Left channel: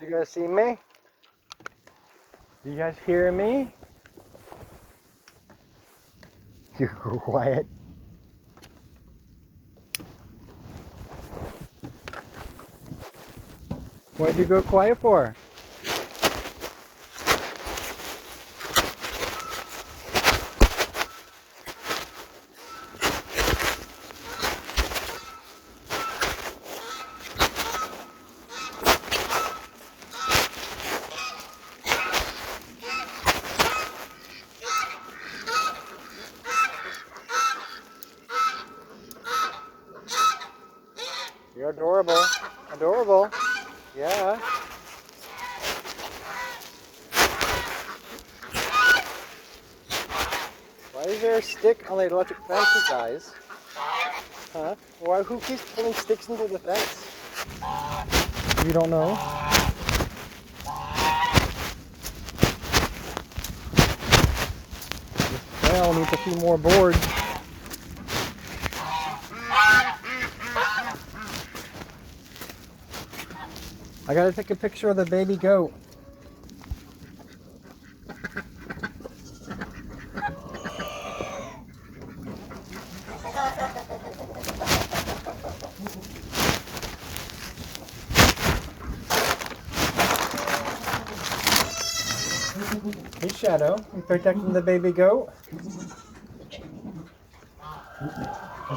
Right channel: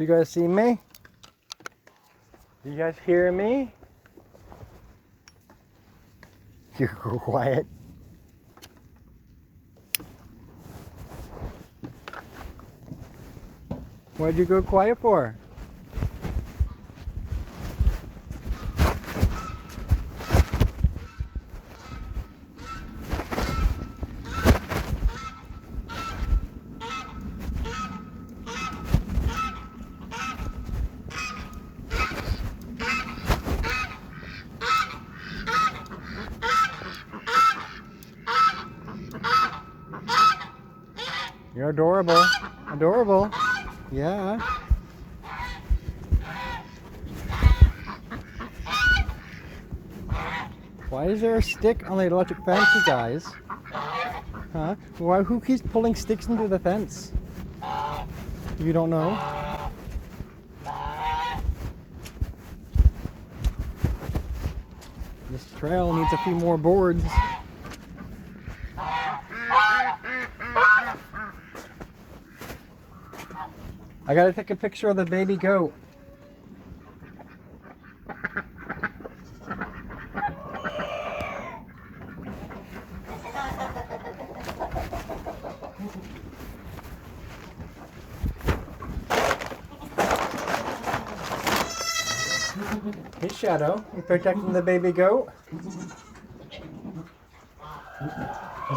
You guys see me? You guys hear me? You go quiet. What'd you go quiet for? You're adorable. Adorable. Yeah. Why is there a stick on the electric fence, you guys? Huh? Why, who keeps pulling sticks into the fence? You don't know? This trail needs a few more boards. I gotta take a picture of the baby goat. Hey Shadow, you protecting the baby goat?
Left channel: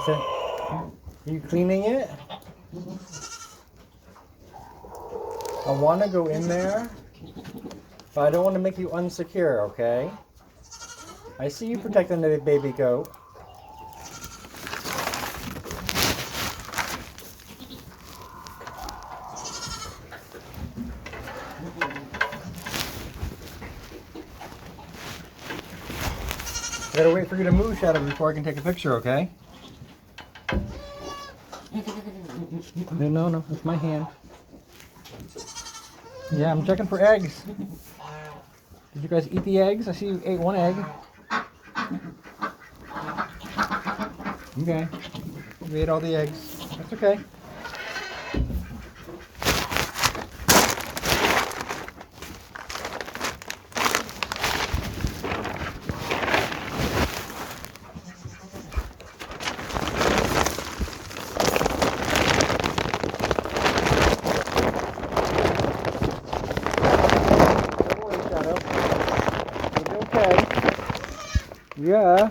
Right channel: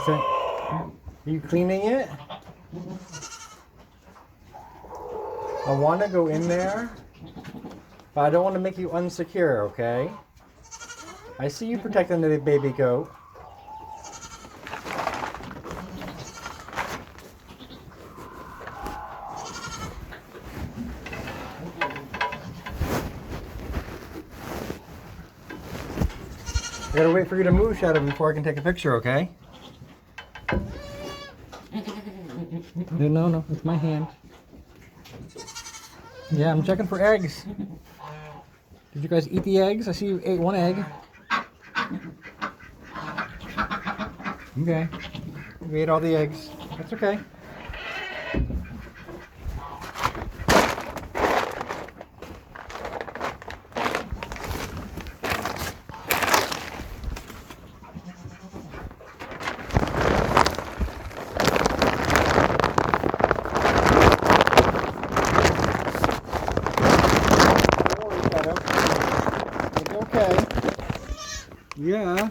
Are you cleaning it? I want to go in there, but I don't want to make you unsecure, okay? I see you protecting the baby goat. I gotta wait for you to move, Shadow, before I can take a picture, okay? No, it's my hand. Yeah, I'm checking for eggs. Did you guys eat the eggs? I see you ate one egg. Okay. We ate all the eggs. It's okay. Yeah.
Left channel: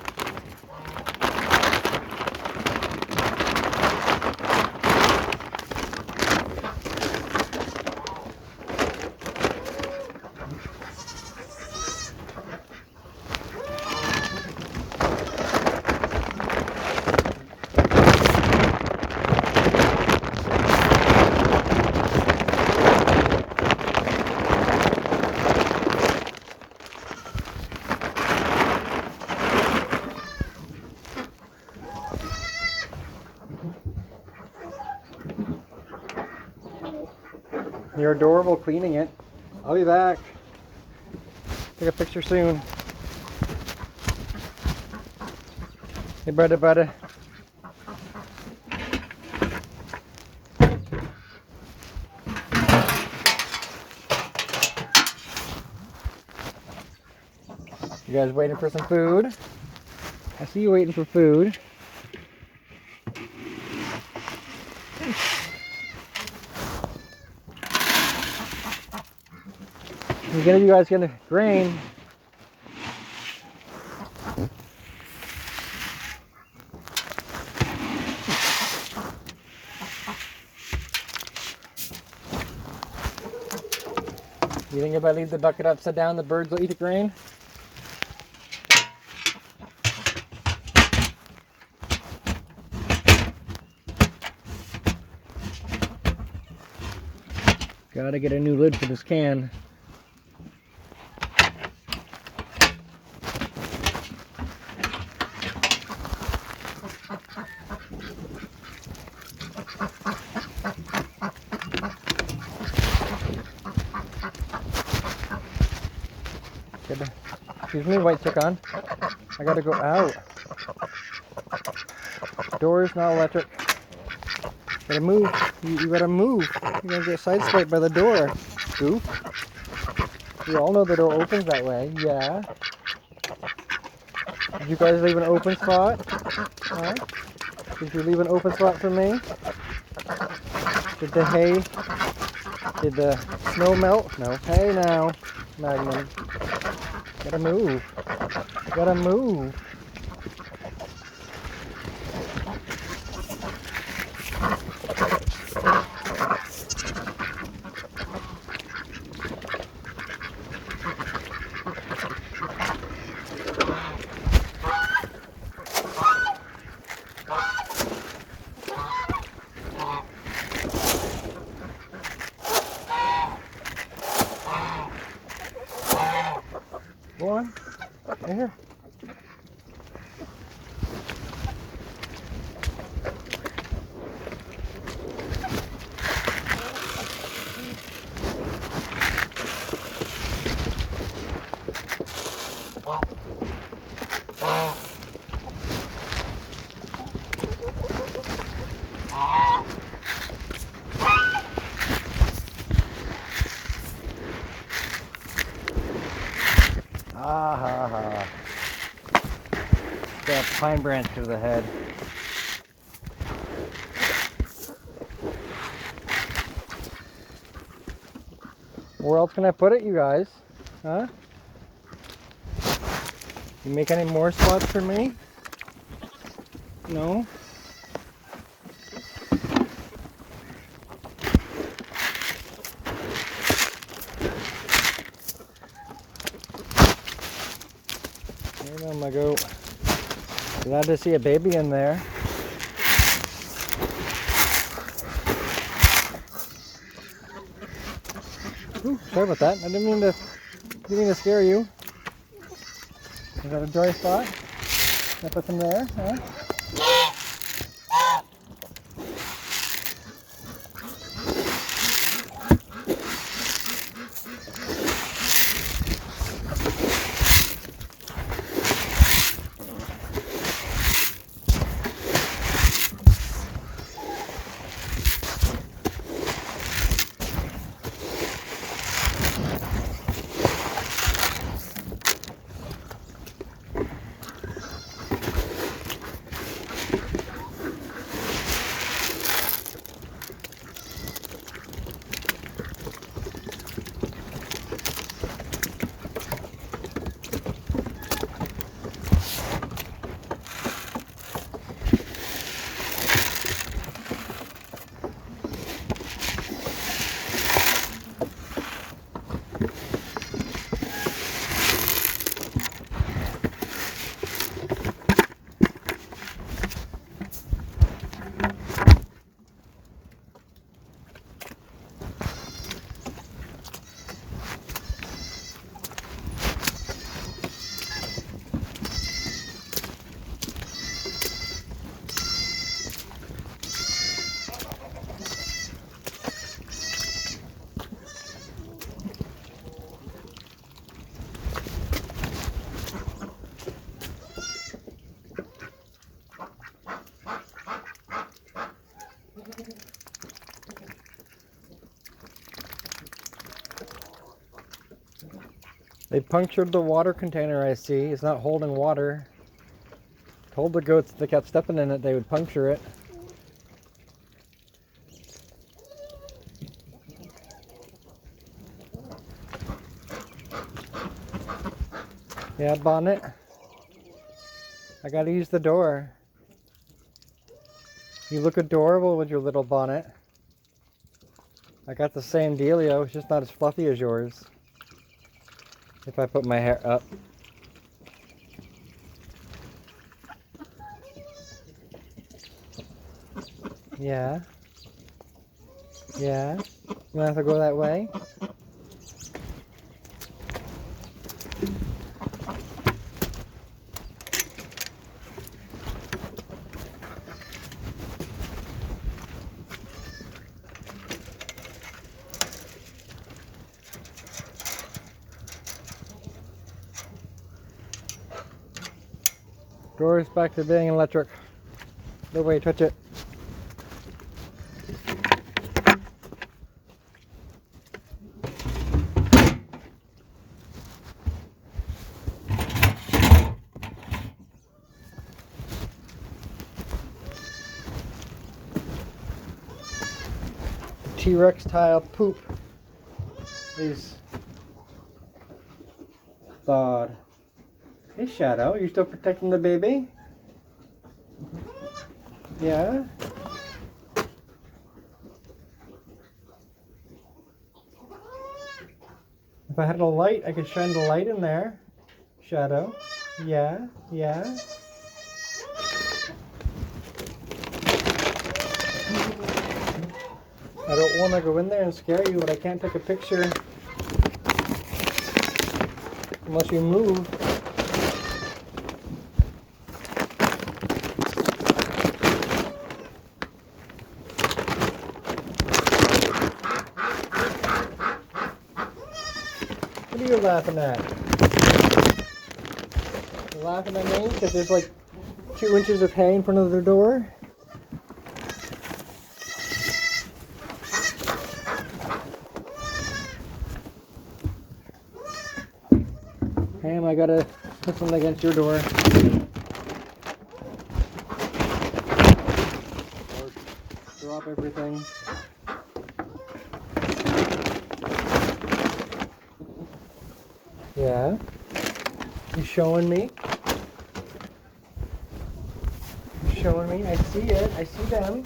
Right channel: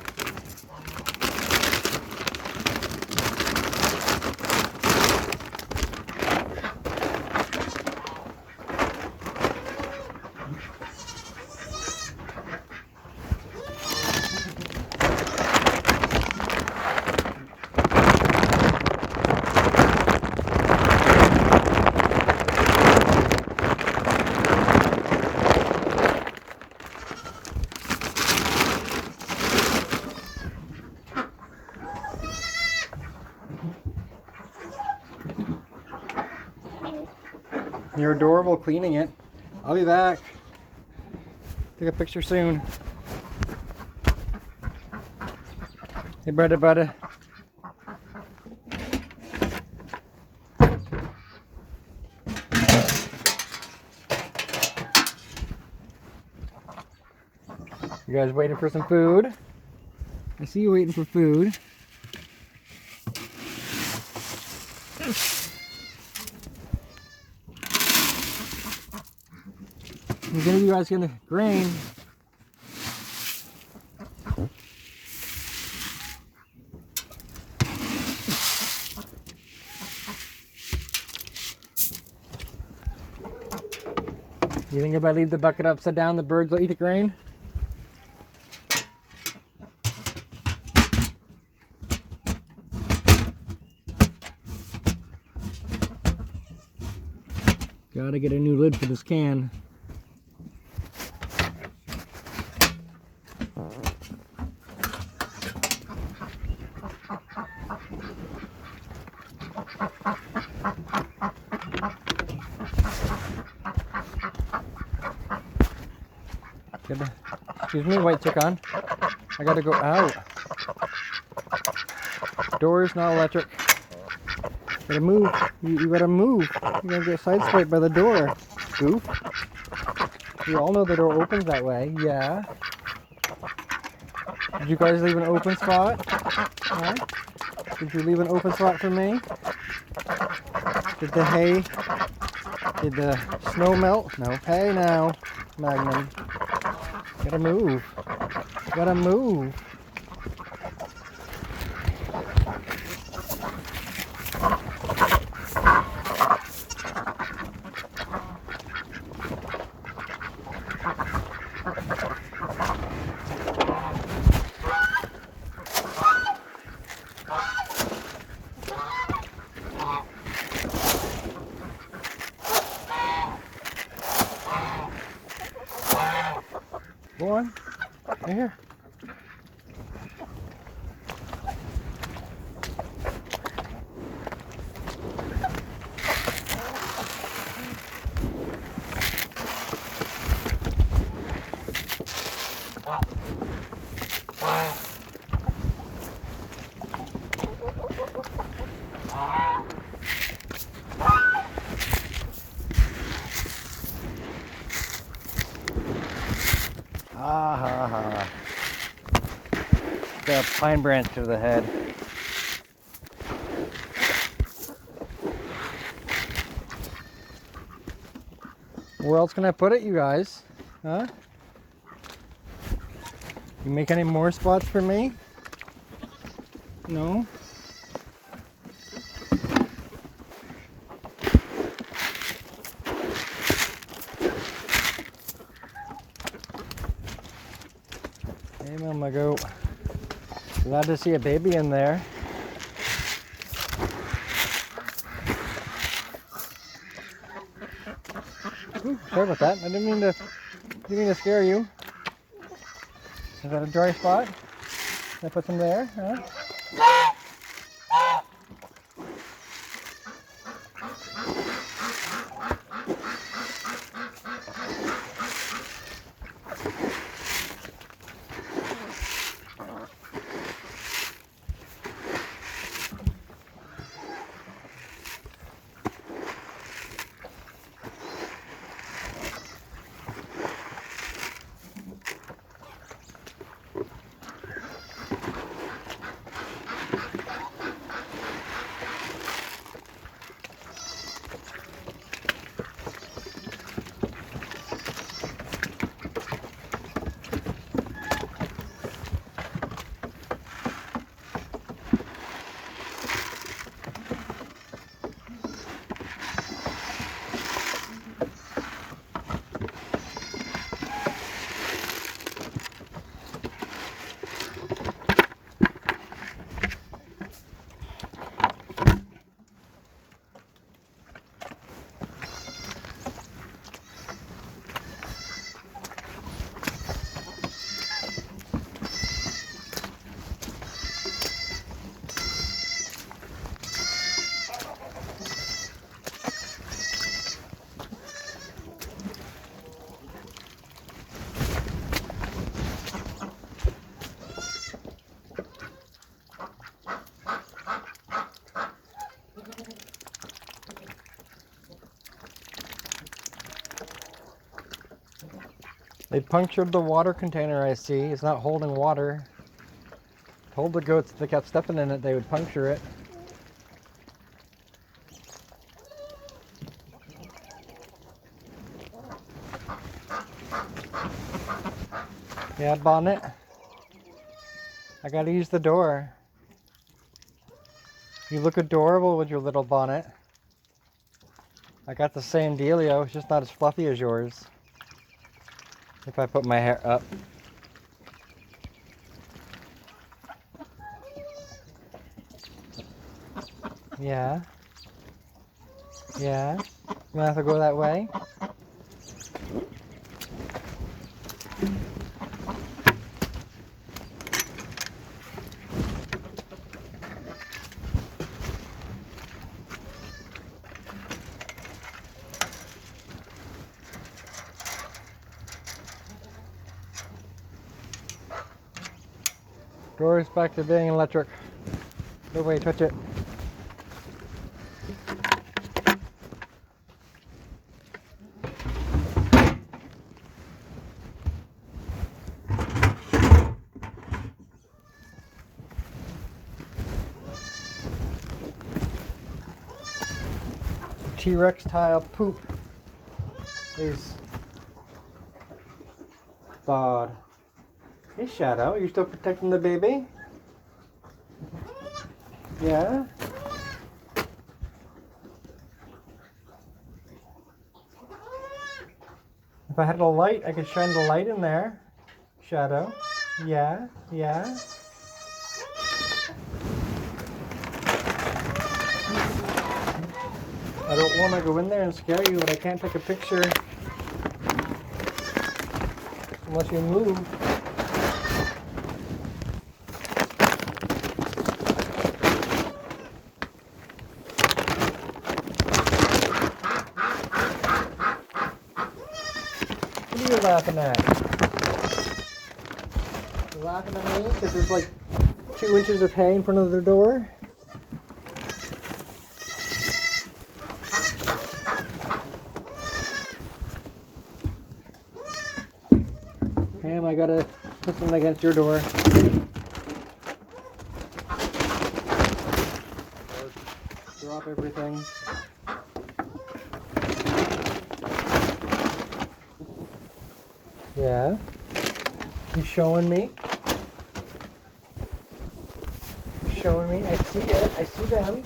You're adorable cleaning it. I'll be back. Take a picture soon. Hey, buddy. You guys waiting for some food? I see you waiting for food. You guys gonna grain. You think if I leave the bucket upside down, the birds will eat the grain? Gotta get a new lid for this can. Excuse me, wait, check on. I gotta go out. Door's not electric. Gotta move. You gotta move. You're gonna get sideswiped by the door. Oop. We all know the door opens that way. Yeah. Did you guys leave an open spot? Huh? Did you leave an open spot for me? Did the snow melt? No. Hey now, Magnum. Gotta move. Gotta move. Go on. Right here. Got a pine branch to the head. Where else can I put it, you guys? Huh? You make any more spots for me? No? Hey, Mama Goat. Glad to see a baby in there. Ooh, sorry about that. I didn't mean to scare you. Is that a dry spot? Can I put them there? Huh? They punctured the water container, I see. It's not holding water. Told the goats if they kept stepping in it, they would puncture it. Yeah, Bonnet. I gotta use the door. You look adorable with your little bonnet. I got the same dealio, it's just not as fluffy as yours. If I put my hair up. Yeah. Yeah. You wanna have to go that way? Door's back to being electric. Nobody touch it. T-Rex tile poop is thawed. Hey Shadow, you still protecting the baby? Yeah? If I had a light, I could shine the light in there. Shadow. Yeah, yeah. I don't want to go in there and scare you, but I can't take a picture unless you move. What are you laughing at? You laughing at me because there's like 2 inches of hay in front of the door? Ham, I gotta put something against your door. Or drop everything. Yeah? You showing me? You showing me? I see it. I see them.